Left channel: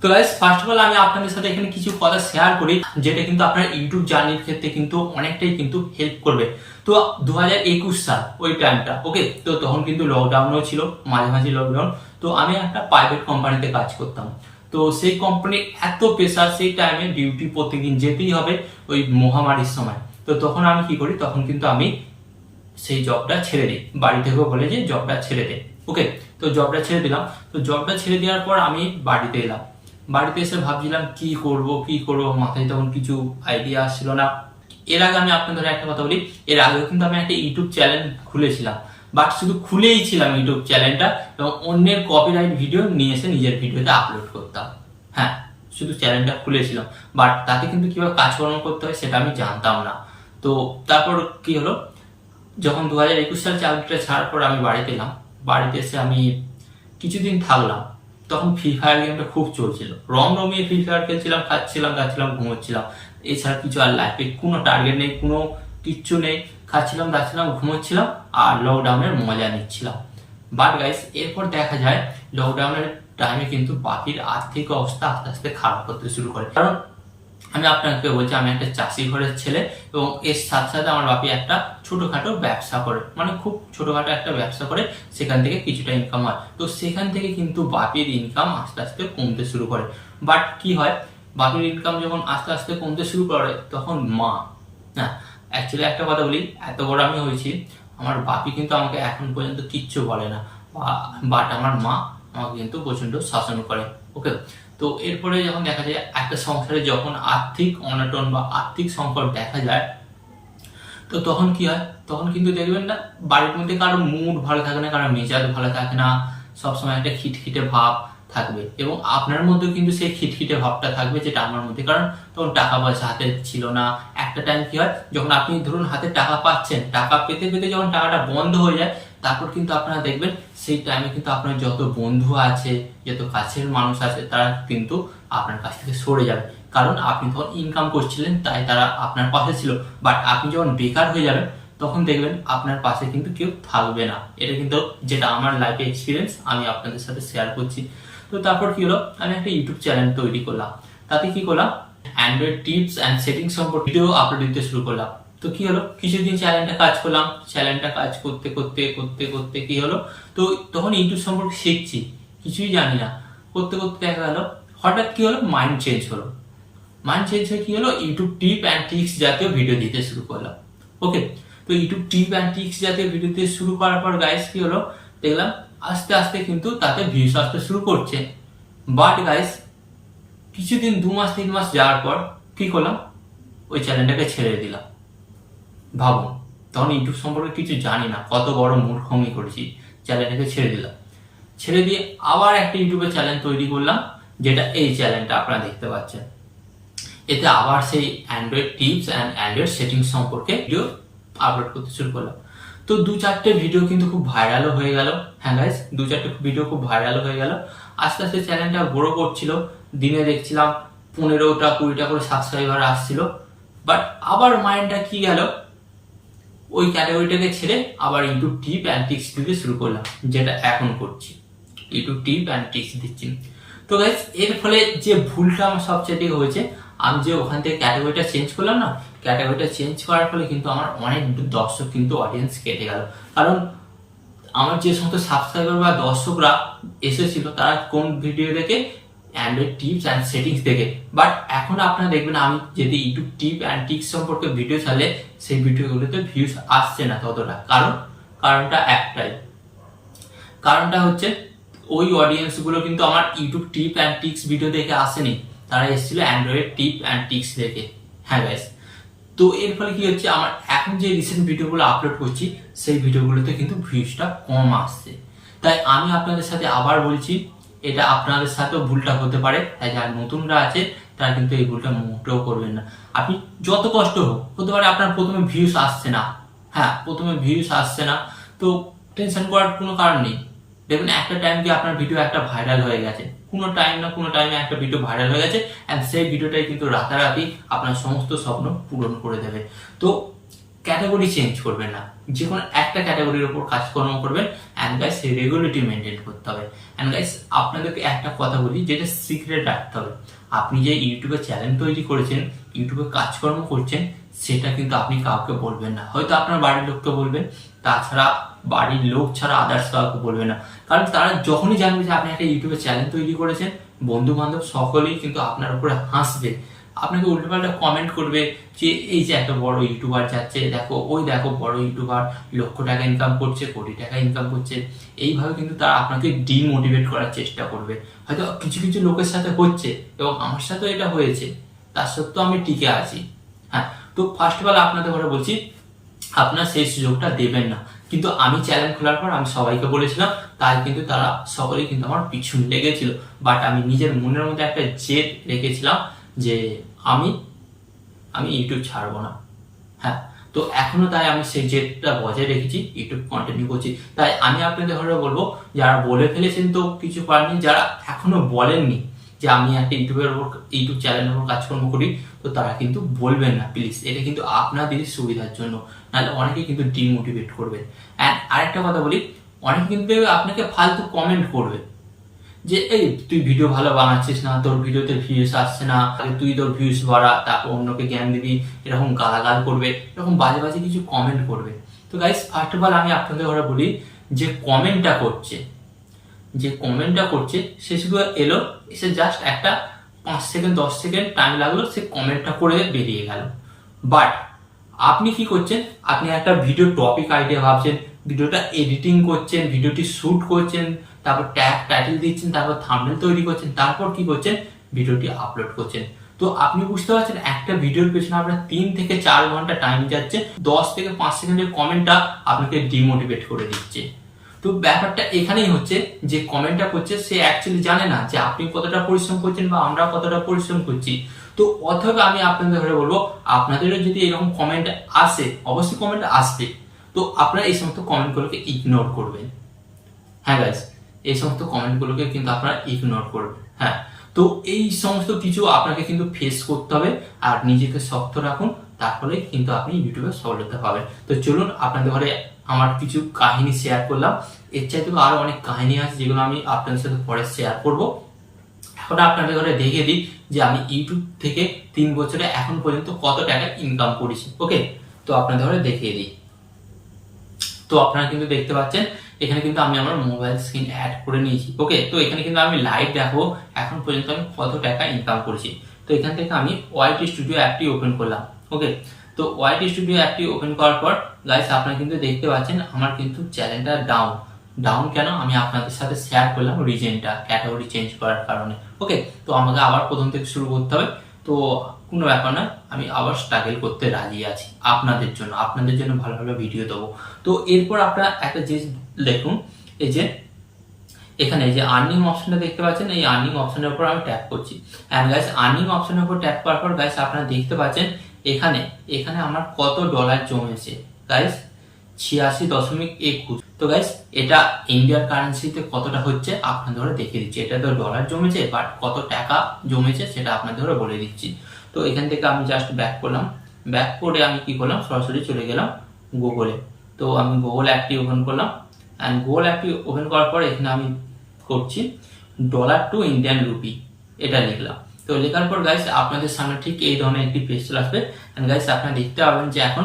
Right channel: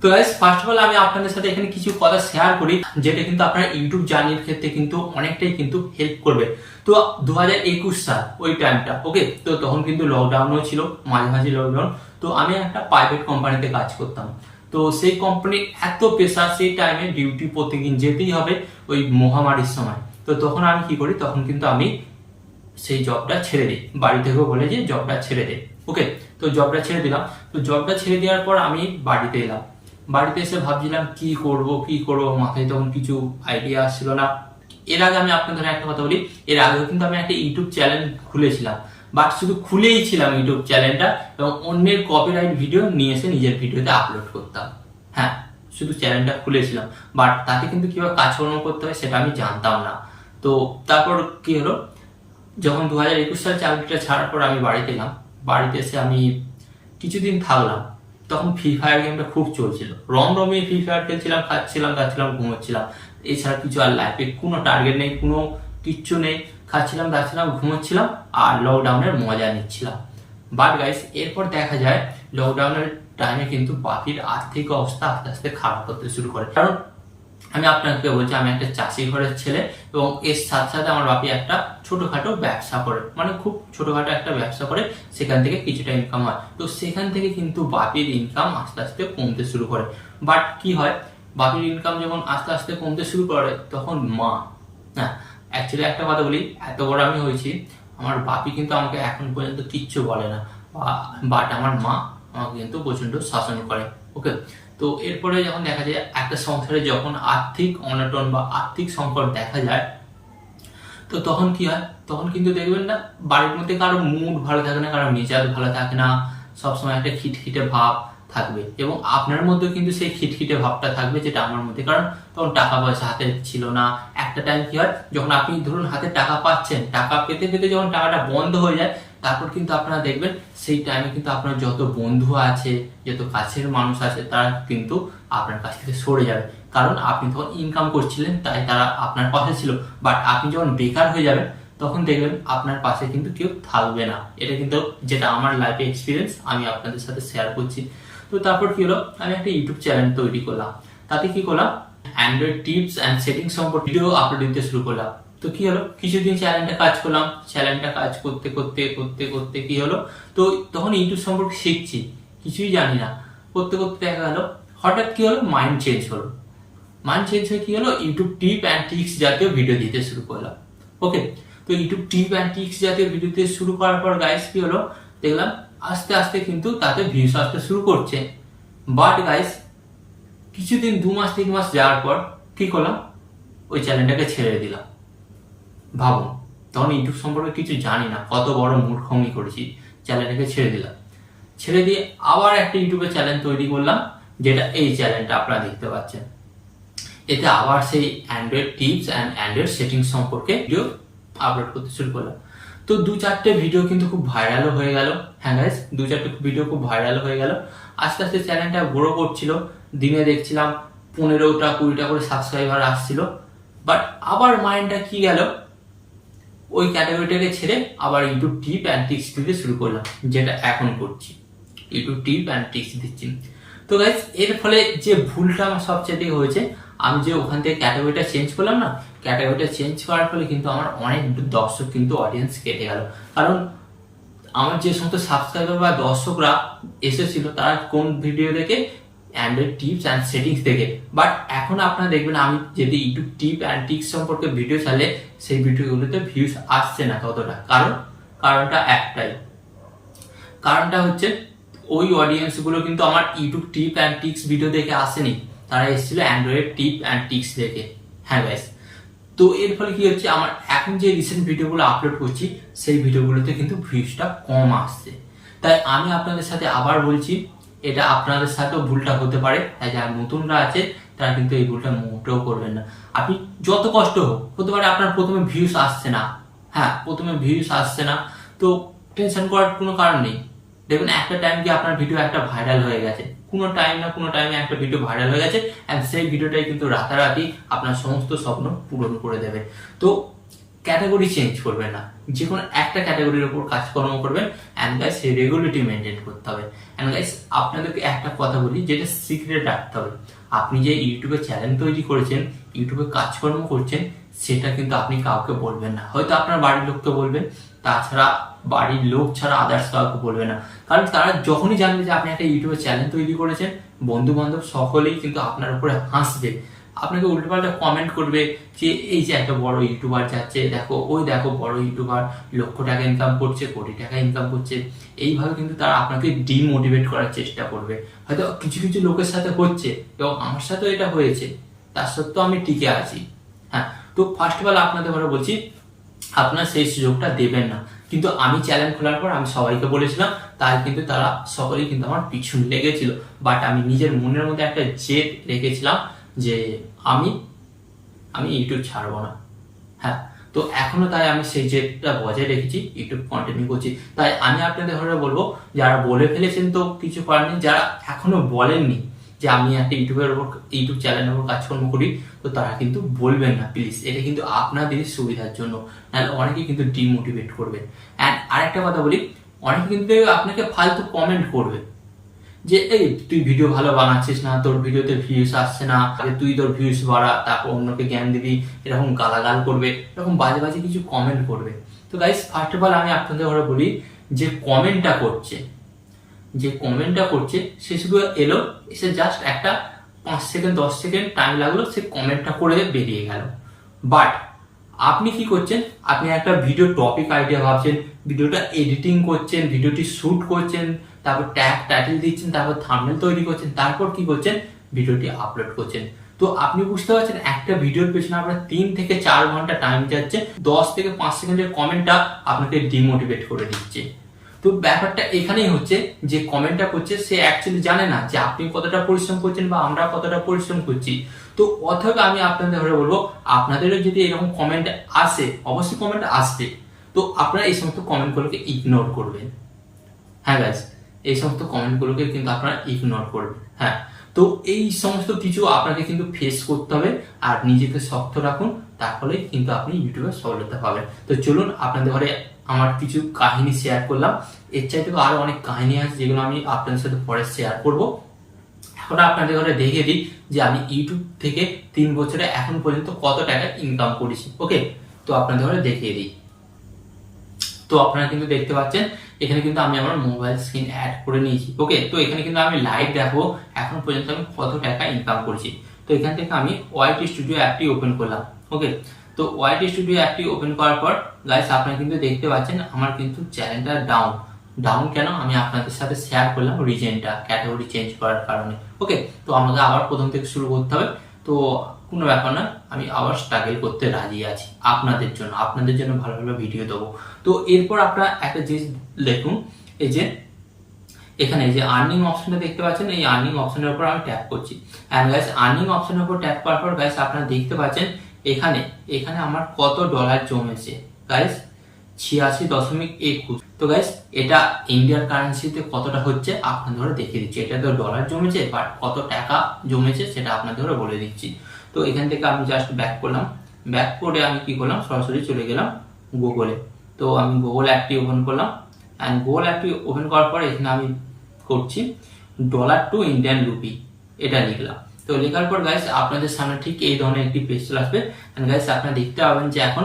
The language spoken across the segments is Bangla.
তো গাইস ফার্স্ট অফ অল আমি আপনাদের সাথে এখানে কিছু কথা শেয়ার করি যেটা কিন্তু আপনার ইউটিউব জার্নির ক্ষেত্রে কিন্তু অনেকটাই কিন্তু হেল্প করবে। তো 2021 সাল ওই টাইমটা, ওকে, তো তখন কিন্তু লকডাউনও ছিল, মাঝে মাঝে লকডাউন। তো আমি একটা প্রাইভেট কোম্পানিতে কাজ করতাম। তো সেই কোম্পানির এত প্রেশার, সেই টাইমে ডিউটি প্রত্যেকদিন যেতেই হবে ওই মহামারীর সময়। তো তখন আমি কি করি, তখন কিন্তু আমি সেই জবটা ছেড়ে দিই, বাড়ি থেকেও বলে যে জবটা ছেড়ে দে, ওকে। তো জবটা ছেড়ে দিলাম। তো জবটা ছেড়ে দেওয়ার পর আমি বাড়িতে এলাম। বাড়িতে এসে ভাবছিলাম কি করব কি করব, মাথায় তখন কিছু আইডিয়া আসছিল না। এর আগে আমি আপনাদের একটা কথা বলি, এর আগেও কিন্তু আমি একটা ইউটিউব চ্যানেল খুলেছিলাম, বাট শুধু খুলেই ছিলাম ইউটিউব চ্যানেলটা, এবং অন্যের কপিরাইট ভিডিও নিয়ে এসে নিজের ভিডিওতে আপলোড করতাম। হ্যাঁ, শুধু চ্যানেলটা খুলেছিলাম, বাট তাতে কিন্তু কিভাবে কাজকর্ম করতে হয় সেটা আমি জানতাম না। তো তারপর কি হলো, যখন 2021 সালে চাকরিটা ছাড়ার পর আমি বাড়িতে এলাম, বাড়িতে এসে আমি কিছুদিন থাকলাম। তখন ফ্রি ফায়ার গেমটা খুব চলছিল, রমিয়ে ফ্রি ফায়ার খেলছিলাম, খাচ্ছিলাম দাচ্ছিলাম ঘুমোচ্ছিলাম। এছাড়া কিছু আর লাইফে কোনো টার্গেট নেই, কোনো কিচ্ছু নেই, খাচ্ছিলাম দাচ্ছিলাম ঘুমোচ্ছিলাম আর লকডাউনের মজা নিচ্ছিলাম। বাট গাইস এরপর দেখা যায় লকডাউনের টাইমে কিন্তু বাপির আর্থিক অবস্থা আস্তে আস্তে খারাপ হতে শুরু করে। কারণ আমি আপনাকে বলছি, আমি একটা চাষি ঘরের ছেলে, এবং এর সাথে সাথে আমার বাপি একটা ছোটখাটো ব্যবসা করে, মানে খুব ছোটখাটো একটা ব্যবসা করে, সেখান থেকে কিছুটা ইনকাম হয়। তো সেখান থেকে কিন্তু বাপির ইনকাম আস্তে আস্তে কমতে শুরু করে। বাট কি হয়, বাপির ইনকাম যখন আস্তে আস্তে কমতে শুরু করে, তখন মা, হ্যাঁ, অ্যাকচুয়ালি একটা কথা বলি, এত বড় আমি হয়েছি, আমার বাপি কিন্তু আমাকে এখন পর্যন্ত কিচ্ছু বলে না, বাট আমার মা আমাকে কিন্তু প্রচন্ড শাসন করে, ওকে। তো এরপরে যখন দেখা যায় একটা সংসারে যখন আর্থিক অনটন বা আর্থিক সংকট দেখা যায়, তো তখন কি হয়, তখন কিন্তু দেখবেন না বাড়ির মধ্যে কারো মুড ভালো থাকে না, কারো মেজাজ ভালো থাকে না, সবসময় একটা খিটখিটে ভাব থাকবে, এবং আপনার মধ্যেও কিন্তু সেই খিটখিটে ভাবটা থাকবে, যেটা আমার মধ্যে। কারণ তখন টাকা পয়সা হাতে ছিল না। একটা টাইম কি হয়, যখন আপনি ধরুন হাতে টাকা পাচ্ছেন, টাকা পেতে পেতে যখন টাকাটা বন্ধ হয়ে যায়, তারপর কিন্তু আপনারা দেখবেন সেই টাইমে কিন্তু আপনার যত বন্ধু আছে, যত কাছের মানুষ আছে, তারা কিন্তু আপনার কাছ থেকে সরে যাবে। কারণ আপনি তখন ইনকাম করছিলেন, তাই তারা আপনার পাশে ছিল। বাট আপনি যখন বেকার হয়ে যাবেন, তখন দেখবেন আপনার পাশে কিন্তু কেউ থাকবে না। এটা কিন্তু যেটা আমার লাইফে এক্সপিরিয়েন্স, আমি আপনাদের সাথে শেয়ার করছি। তো তারপর কি হলো, আমি একটা ইউটিউব চ্যানেল তৈরি করলাম। তাতে কি করলাম, অ্যান্ড্রয়েড টিপস অ্যান্ড সেটিংস সম্পর্কে ভিডিও আপলোড দিতে শুরু করলাম। তো কি হলো, কিছুদিন চ্যানেলটা কাজ করলাম, চ্যানেলটা কাজ করতে করতে করতে করতে কি হলো, তো তখন ইউটিউব সম্পর্কে শিখছি, কিছুই জানি না। করতে করতে দেখা গেল হঠাৎ কি হলো, মাইন্ড চেঞ্জ হলো। মাইন্ড চেঞ্জ হয়ে কি হলো, ইউটিউব টিপ অ্যান্ড ট্রিক্স জাতীয় ভিডিও দিতে শুরু করলাম, ওকে। তো ইউটিউব টিপ অ্যান্ড ট্রিক্স জাতীয় ভিডিও দিতে শুরু করার পর গাইস কি হলো, দেখলাম আস্তে আস্তে কিন্তু তাতে ভিউস আসতে শুরু করছে। বাট গাইস কিছুদিন 2 মাস 3 মাস যাওয়ার পর কি করলাম, ওই চ্যানেলটাকে ছেড়ে দিলাম। ভাবুন, তখন ইউটিউব সম্পর্কে কিছু জানি না, কত বড় মূর্খমি করেছি, চ্যানেলটাকে ছেড়ে দিলাম। ছেড়ে দিয়ে আবার একটা ইউটিউবে চ্যানেল তৈরি করলাম, যেটা এই চ্যানেলটা আপনারা দেখতে পাচ্ছেন। এতে আবার সেই Android tips and Android settings সম্পর্কে ভিডিও আপলোড করতে শুরু করলাম। তো 2-4টে ভিডিও কিন্তু খুব ভাইরালও হয়ে গেল। হ্যাঁ গাইস, 2-4টে ভিডিও খুব ভাইরাল হয়ে গেল। আস্তে আস্তে চ্যানেলটা গ্রো করছিল, দিনে দেখছিলাম 15টা 20টা করে সাবস্ক্রাইবার আসছিল। বাট আবার মাইন্ডটা কি গেল, ওই ক্যাটাগরিটাকে ছেড়ে আবার ইউটিউব টিপ অ্যান্ড ট্রিক্স দিতে শুরু করলাম, যেটা এখন করছি, ইউটিউব টিপ অ্যান্ড ট্রিক্স দিচ্ছি। তো গাইস এর ফলে যে ভুলটা আমার সবচেয়ে হয়েছে, আমি যে ওখান থেকে ক্যাটাগরিটা চেঞ্জ করলাম না, ক্যাটাগরিটা চেঞ্জ করার ফলে কিন্তু আমার অনেক দর্শক কিন্তু অডিয়েন্স কেটে গেল। কারণ আমার যে সমস্ত সাবস্ক্রাইবার বা দর্শকরা এসেছিল, তারা কোন ভিডিও দেখে, অ্যান্ড্রয়েড টিপস অ্যান্ড সেটিংস দেখে। বাট এখন আপনারা দেখবেন, আমি যদি ইউটিউব টিপ অ্যান্ড ট্রিক্স সম্পর্কে ভিডিও ছাড়লে সেই ভিডিওগুলোতে ভিউজ আসছে না ততটা। কারণটা একটাই, কারণটা হচ্ছে ওই অডিয়েন্স গুলো কিন্তু আমার YouTube tip and tricks video দেখে আসেনি, তারা এসেছিল অ্যান্ড্রয়েড টিপ অ্যান্ড ট্রিক্স দেখে। হ্যাঁ গাইস, তো এর ফলে কি হচ্ছে, আমার এখন যে রিসেন্ট ভিডিওগুলো আপলোড করছি, সেই ভিডিওগুলোতে কিন্তু ভিউজটা কম আসছে। তাই আমি আপনাদের সাথে আবার বলছি, এটা আপনাদের সাথেও ভুলটা হতে পারে, তাই যারা নতুনরা আছে তারা কিন্তু এই ভুলটা মোটেও করবেন না। আপনি যত কষ্ট হোক, হতে পারে আপনার প্রথমে ভিউজ আসছে না, হ্যাঁ প্রথমে ভিউজ আসছে না, তো টেনশন করার কোনো কারণ নেই। দেখবেন একটা টাইম গিয়ে আপনার ভিডিও একটা ভাইরাল হয়ে গেছে, কোনো টাইম না কোনো টাইমে একটা ভিডিও ভাইরাল হয়ে গেছে, অ্যান্ড সেই ভিডিওটাই কিন্তু রাতারাতি আপনার সমস্ত স্বপ্ন পূরণ করে দেবে। তো ক্যাটাগরি চেঞ্জ করবেন না, যে কোনো একটা ক্যাটাগরির উপর কাজকর্ম করবেন। অ্যান্ড গাইস রেগুলারিটি মেনটেন করতে হবে। অ্যান্ড গাইস আপনাদেরকে একটা কথা বলি, যেটা সিক্রেট রাখতে হবে। আপনি যে ইউটিউবে চ্যানেল তৈরি করেছেন, ইউটিউবে কাজকর্ম করছেন, সেটা কিন্তু আপনি কাউকে বলবেন না। হয়তো আপনার বাড়ির লোককে বলবেন, তাছাড়া বাড়ির লোক ছাড়া আদার্স কাউকে বলবেন না। কারণ তারা যখনই জানবে যে আপনি একটা ইউটিউবে চ্যানেল তৈরি করেছেন, বন্ধু বান্ধব সকলেই কিন্তু আপনার উপরে হাসবে, আপনাকে উল্টোপাল্টা কমেন্ট করবে যে এই যে একটা বড় ইউটিউবার যাচ্ছে, দেখো ওই দেখো বড় ইউটিউবার লক্ষ টাকা ইনকাম করছে, কোটি টাকা ইনকাম করছে। এইভাবে কিন্তু তারা আপনাকে ডিমোটিভেট করার চেষ্টা করবে। হয়তো কিছু কিছু লোকের সাথে হচ্ছে, এবং আমার সাথেও এটা হয়েছে, তার সত্ত্বেও আমি টিকে আছি। হ্যাঁ, তো ফার্স্ট অফ অল আপনাদের ঘরে বলছি, আপনার সেই সুযোগটা দেবেন না। কিন্তু আমি চ্যানেল খোলার পর আমি সবাইকে বলেছিলাম, তাই কিন্তু তারা সকলেই কিন্তু আমার পিছন লেগেছিল। বাট আমি নিজের মনের মধ্যে একটা জেদ রেখেছিলাম যে আমি ইউটিউব ছাড়বো না। হ্যাঁ, তো এখনো তাই আমি সেই জেদটা বজায় রেখেছি, ইউটিউব কন্টিনিউ করছি। তাই আমি আপনাদের ঘরে বলবো, যারা বলে ফেলেছেন তো কিছু করার নেই, যারা এখনো বলেননি যে আমি একটা ইউটিউব চ্যানেলের উপর কাজকর্ম করি, তো তারা কিন্তু বলবেন না প্লিজ। এটা কিন্তু আপনাদের সুবিধার জন্য, নাহলে অনেকে কিন্তু ডিমোটিভেট করবে। অ্যান্ড আরেকটা কথা বলি, অনেকে কিন্তু আপনাকে ফালতু কমেন্ট করবে যে এই তুই ভিডিও ভালো বানাচ্ছিস না, তোর ভিডিওতে ভিউজ আসছে না, তুই তোর ভিউজ বাড়া, তারপর অন্যকে জ্ঞান দিবি, এরকম গালাগাল করবে, এরকম বাজে বাজে কিছু কমেন্ট করবে। তো গাইস ফার্স্ট অফ অল আমি আপনাদের ঘরে বলি, যে কমেন্টটা করছে সে শুধু এলো, এসে জাস্ট একটা 5 সেকেন্ড 10 সেকেন্ড টাইম লাগলো, সে কমেন্টটা করে বেরিয়ে গেল। বাট আপনি কি করছেন, আপনি একটা ভিডিও টপিক আইডিয়া ভাবছেন, ভিডিওটা এডিটিং করছেন, ভিডিওটি শুট করছেন, তারপর ট্যাগ টাইটেল দিচ্ছেন, তারপর থাম্বনেল তৈরি করছেন, তারপর কি করছেন, ভিডিওটি আপলোড করছেন। তো আপনি বুঝতে পারছেন একটা ভিডিওর পেছনে আপনার 3 থেকে 4 ঘন্টা টাইম যাচ্ছে, 10 থেকে 5 সেকেন্ডের কমেন্টটা আপনাকে ডিমোটিভেট করে দিচ্ছে। তো ব্যাপারটা এখানেই হচ্ছে, যে কমেন্টটা করছে সে অ্যাকচুয়ালি জানে না যে আপনি কতটা পরিশ্রম করছেন বা আমরা কতটা পরিশ্রম করছি। তো অথবা আমি আপনাদের ধরে বলবো, আপনাদেরও যদি এরকম কমেন্ট আসে, অবশ্যই কমেন্ট আসবে, তো আপনারা এই সমস্ত কমেন্টগুলোকে ইগনোর করবেন। হ্যাঁ গাইস, এই সমস্ত কমেন্টগুলোকে কিন্তু আপনারা ইগনোর করবেন। হ্যাঁ, তো এই সমস্ত কিছু আপনাকে কিন্তু ফেস করতে হবে, আর নিজেকে শক্ত রাখুন, তার ফলে কিন্তু আপনি ইউটিউবে সফলতা পাবেন। তো চলুন, আপনাদের ঘরে আমার কিছু কাহিনী শেয়ার করলাম, এর চাইতে তো আরো অনেক কাহিনী আছে যেগুলো আমি আপনাদের সাথে পরে শেয়ার করব। এখন আপনাদের ঘরে দেখে দিই যে আমি ইউটিউব থেকে 3 বছরে এখন পর্যন্ত কত টাকা ইনকাম করেছি। ওকে, তো আপনাদের ঘরে দেখিয়ে দিই। তো আপনারা কিন্তু দেখতে পাচ্ছেন, এখানে কিন্তু আমি আমার মোবাইল স্ক্রিন অ্যাড করে নিয়েছি। ওকে, তো এখানে কিন্তু আমি লাইভ দেখবো এখন পর্যন্ত আমি কত টাকা ইনকাম করেছি। তো এখান থেকে আমি ওয়াইটি স্টুডিও অ্যাপটি ওপেন করলাম। ওকে, তো ওয়াইটি স্টুডিও অ্যাপটি ওপেন করার পর গাইস আপনারা কিন্তু দেখতে পাচ্ছেন আমার কিন্তু চ্যানেলটা ডাউন কেন আমি আপনাদের সাথে শেয়ার করলাম, রিজনটা ক্যাটাগরি চেঞ্জ করার কারণে। ওকে, তো আমাকে আবার প্রথম থেকে শুরু করতে হবে, তো কোনো ব্যাপার না, আমি আবার স্ট্রাগল করতে রাজি আছি আপনাদের জন্য ভালো ভালো ভিডিও দেবো। তো এরপর আপনারা একটা জিনিস দেখুন, এই যে এখানে যে আর্নিং অপশনটা দেখতে পাচ্ছেন, এই আর্নিং অপশনের উপর আমি ট্যাপ করছি। এন্ড গাইস আর্নিং অপশনের উপর ট্যাপ করার পর গাইস আপনারা দেখতে পাচ্ছেন এখানে আমার কত ডলার জমেছে গাইস, 86.21। তো গাইস এটা ইন্ডিয়ার কারেন্সিতে কতটা হচ্ছে আপনাদের ধরে দেখিয়ে দিচ্ছি। এটা তো ডলার জমেছে, বাট কত টাকা জমেছে সেটা আপনাদের ধরে বলে দিচ্ছি। তো এখান থেকে আমি জাস্ট ব্যাক করলাম, ব্যাক করে আমি কি করলাম, সরাসরি চলে গেলাম গুগলে। তো আমি গুগল অ্যাপটি ওপেন করলাম, অ্যান্ড গুগল অ্যাপটি ওপেন করার পরে এখানে আমি করছি ডলার টু ইন্ডিয়ান রুপি, এটা লিখলাম। তো লেখার পর গাইস আপনাদের সামনে ঠিক এই ধরনের একটি পেজ চলে আসবে। এন্ড গাইস আপনারা দেখতে পাবেন যে এখন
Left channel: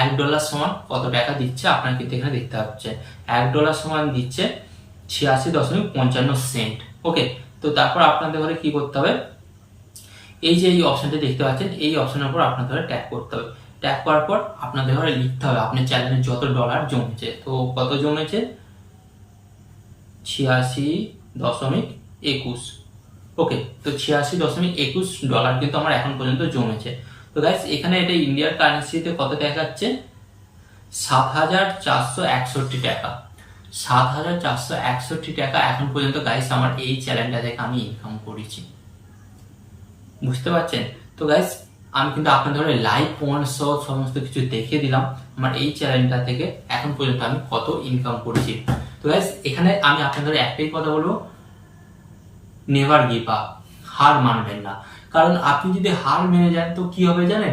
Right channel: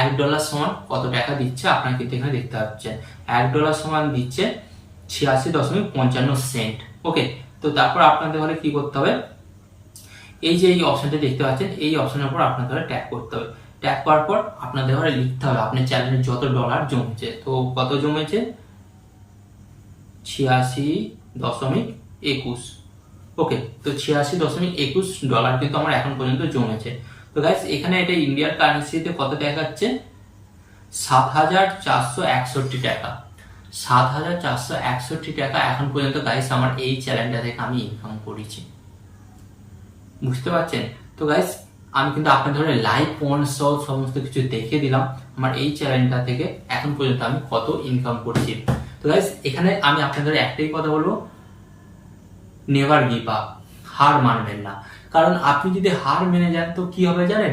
$1 সমান কত টাকা দিচ্ছে, আপনারা কিন্তু এখানে দেখতে পাচ্ছেন $1 সমান দিচ্ছে 86.55 সেন্ট। ওকে, তো তারপর আপনাদের ঘরে কি করতে হবে, এই যে এই অপশনটা দেখতে পাচ্ছেন, এই অপশনের উপর আপনাদের ট্যাপ করতে হবে। ট্যাপ করার পর আপনাদের ঘরে লিখতে হবে আপনার চ্যানেলে যত ডলার জমেছে। তো কত জমেছে, 86.21। ওকে, তো 86.21 ডলার কিন্তু আমার এখন পর্যন্ত জমেছে। তো গাইস এখানে এটা ইন্ডিয়ার কারেন্সিতে কত দেখাচ্ছে, 7,461 টাকা। 7,461 টাকা এখন পর্যন্ত গাইস আমার এই চ্যানেলটা থেকে আমি ইনকাম করেছি, বুঝতে পারছেন? তো গাইস আমি কিন্তু আপনাদের ধরে লাইভ পয়েন্ট সমস্ত কিছু দেখিয়ে দিলাম আমার এই চ্যানেলটা থেকে এখন পর্যন্ত আমি কত ইনকাম করেছি। তো গাইস এখানে আমি আপনাদের একটাই কথা বলবো, নেভার গিভ আপ, হার মানবেন না। কারণ আপনি যদি হার মেনে যান তো কি হবে জানেন,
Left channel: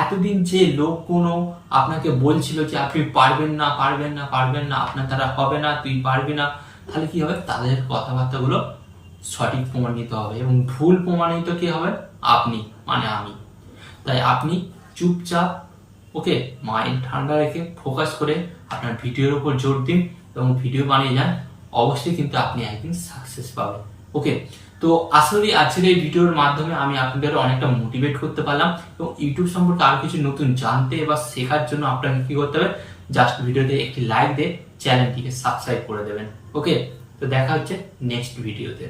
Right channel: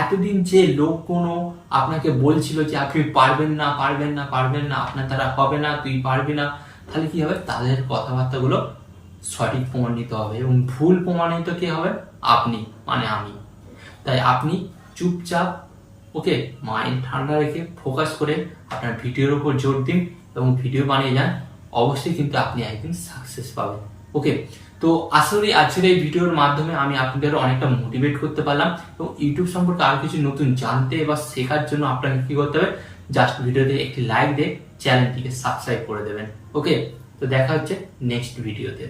এতদিন যে লোক কোনো আপনাকে বলছিল যে আপনি পারবেন না পারবেন না পারবেন না, আপনার দ্বারা হবে না, তুই পারবি না, তাহলে কি হবে, তাদের কথাবার্তাগুলো সঠিক প্রমাণিত হবে এবং ভুল প্রমাণিত কি হবে, আপনি মানে আমি। তাই আপনি চুপচাপ ওকে মাইন্ড ঠান্ডা রেখে ফোকাস করে আপনার ভিডিওর উপর জোর দিন এবং ভিডিও বানিয়ে যান, অবশ্যই কিন্তু আপনি একদিন সাকসেস পাবেন। ওকে, তো আসলে আজকের এই ভিডিওর মাধ্যমে আমি আপনাদের অনেকটা মোটিভেট করতে পারলাম এবং ইউটিউব সম্পর্কে আরো কিছু নতুন জানতে বা শেখার জন্য আপনাকে কি করতে হবে, জাস্ট ভিডিওতে একটি লাইক দিয়ে চ্যানেলটিকে সাবস্ক্রাইব করে দেবেন। ওকে, তো দেখা হচ্ছে নেক্সট ভিডিওতে।